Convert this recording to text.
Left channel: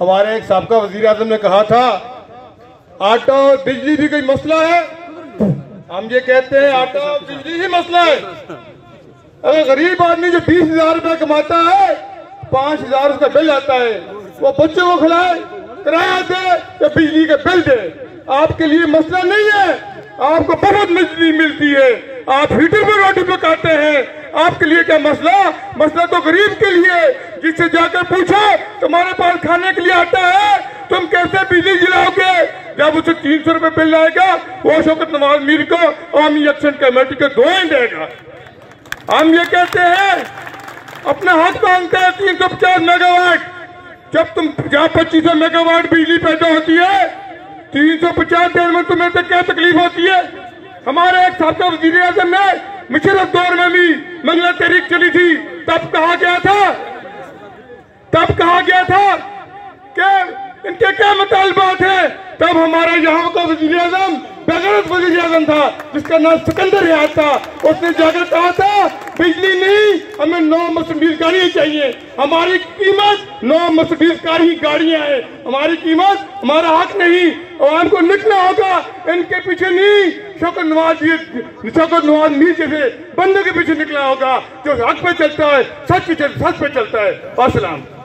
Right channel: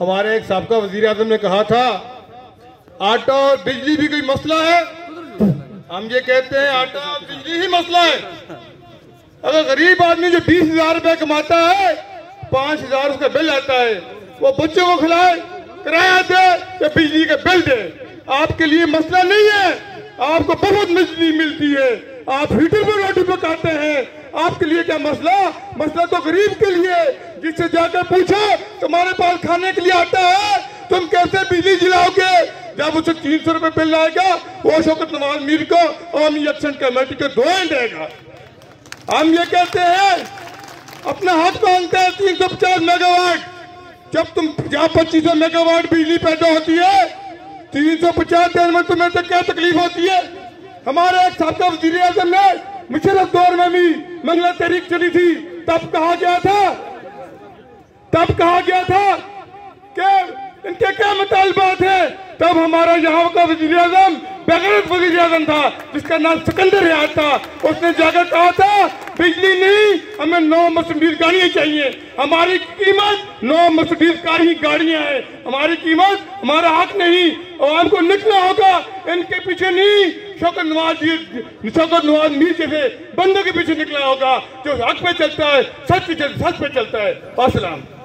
हमारे एक साबका वजीर आजम ने कहा था आटा और बिजली भी कोई मसला है। हम ये कहते हैं आटा और बिजली ही मसला है। अगर गरीब आदमी जो 20,000 रुपया कमाता है, 5,000 उसका बिल आता है, वो बच्चों को खिलाए, किराया दे या बिजली का बिल दे, आपके लिए मसला नहीं है। आपको बहुत बिजली मिलती है, आप हीटर पर रोटी पकाते हैं, आपके लिए क्या मसला? मसला तो गरीब के लिए। जिससे जाकर पूछो तुम्हारे पास खाने के लिए आता है, तुम कैसे बिजली जलाओगे? जब उसे 300 रुपए बिल आएगा, वो शौकत नवाज मीर को आर्मी एक्शन कमेटी को दुआएं देगा। हम ये कहते हैं, अपना हाथ मांगते हैं 350 मेगावाट। जब तुम 2500 मेगावाट बिजली पैदा होती है, 350 दिन में तुम्हें तो क्या तकलीफ होती है? हमारे एक साबका वजीर आजम ने मुशर्रफ दौर में भी मंगला तहरीक चली थी, तब कहा गया था कि इनके क्या मुतालबात है। तब हमारा यहाँ का वजीर आजम बेगैरत वजीर आजम था, जिसका नाम सिकंदर याद था। उसने जाकर कहा था बिजली नहीं, हमें 9 मर्सिडीज गाड़ियां चाहिए। हमारी कीमत 9 मर्सिडीज कारी गाड़ियां है, हमारी कीमत, हमारा हक नहीं। और हमको निकलना होगा, इनके पीछे नहीं, शौकत नवाज मीर जैसे बंदे के पीछे निकला होगा, जो हक पे चलता है, सच पे चलता है। अस्सलाम।